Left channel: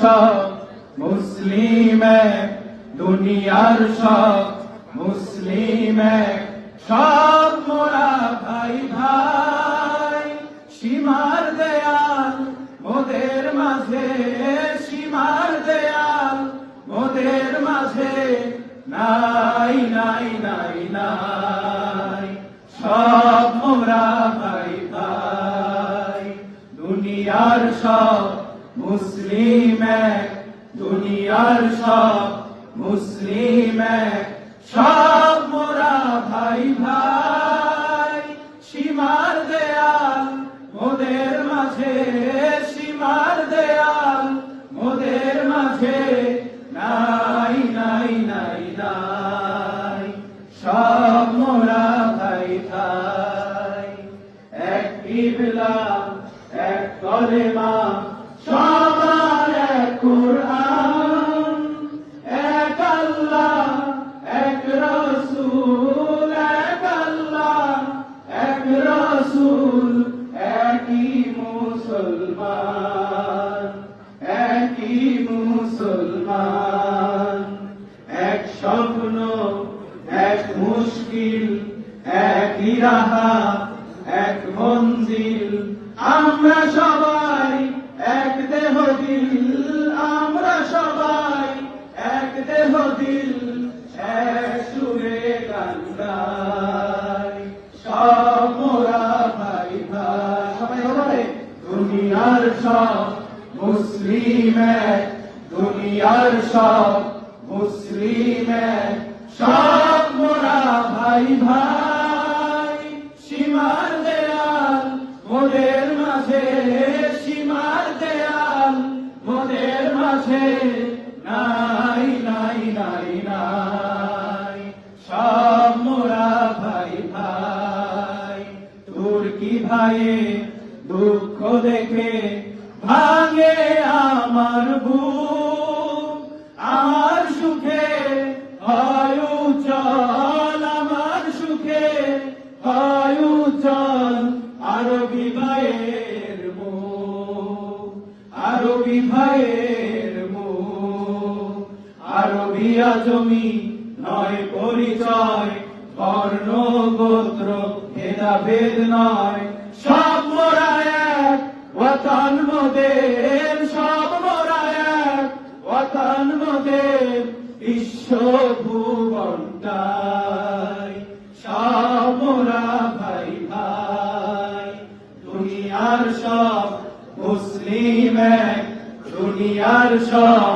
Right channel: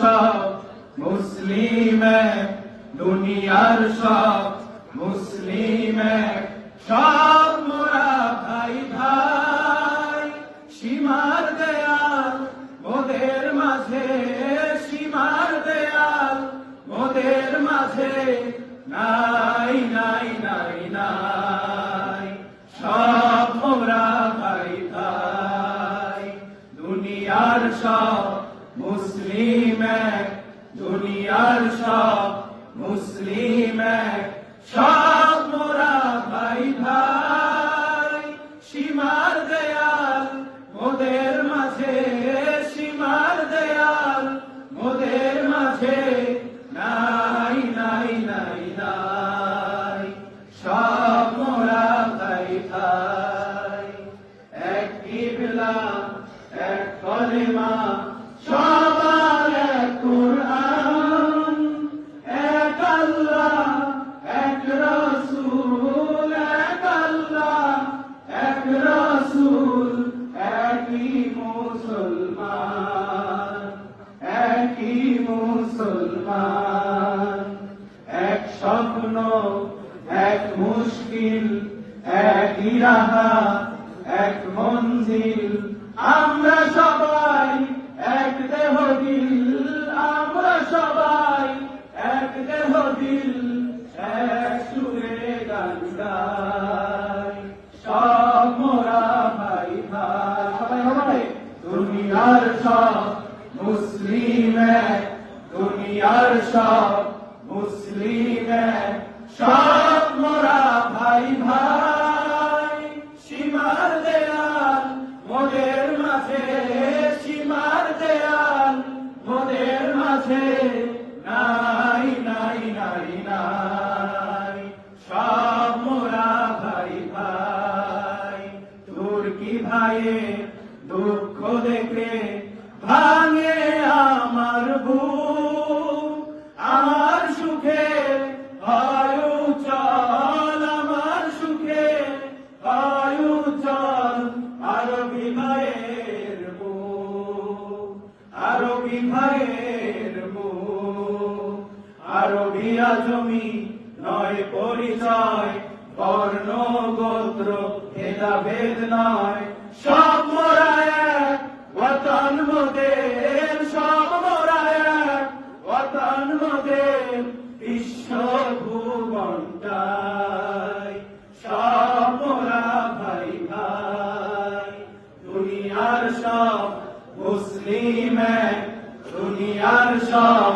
সব মুসলিম এক, দুনিয়ার সব মুসলিম এক, সব মোরা ভাই ভাই। সীমার দেয়াল মোদের মাঝে, সীমার দেয়াল মোদের মাঝে নাই নাই নাই নাই, সব মোরা ভাই ভাই। দুনিয়ার সব মুসলিম এক, দুনিয়ার সব মুসলিম এক, সব মোরা ভাই ভাই। সীমার দেয়াল মোদের মাঝে, সীমার দেয়াল মোদের মাঝে নাই নাই নাই নাই, সব মোরা ভাই ভাই। এক কিবলা এক কলেমা সবার এক কুরআন, এক আল্লাহ এক রাসূল, এক আল্লাহ এক রাসূল, একই মুসলমান, একই মুসলমান। এক স্বপ্ন এক মুশকিল, একই রাহা এক মঞ্জিল, আমরা সবাই এক দেহ দিল, আমরা সবাই এক দেহ দিল, এক সুরে গান গাই, সব মোরা ভাই ভাই। সবাই সবাই দুনিয়ার সব মুসলিম এক, দুনিয়ার সব মুসলিম এক, সব মোরা ভাই ভাই। সীমার দেয়াল মোদের মাঝে, সীমার দেয়াল মোদের মাঝে নাই নাই নাই নাই, সব মোরা ভাই ভাই। তুর্কি ভাইয়ে দুঃখ দেখে ভাঙে আমার বুক, আমার সুখে হয় উজাল, আমার সুখে হয় উজাল। আরবি ভাইয়ের মুখ, আরবি ভাইয়ের মুখ, আরবি আজমি নয় পরিচয়, বর্ণ গোত্র ভেদাভেদ নয়, সব মোরা এক ওয়াতান মোদের, সব মোরা এক ওয়াতান মোদের, বিশ্ব ভুবনটাই, সব মোরা ভাই ভাই। দুনিয়ার সব মুসলিম এক, দুনিয়ার সব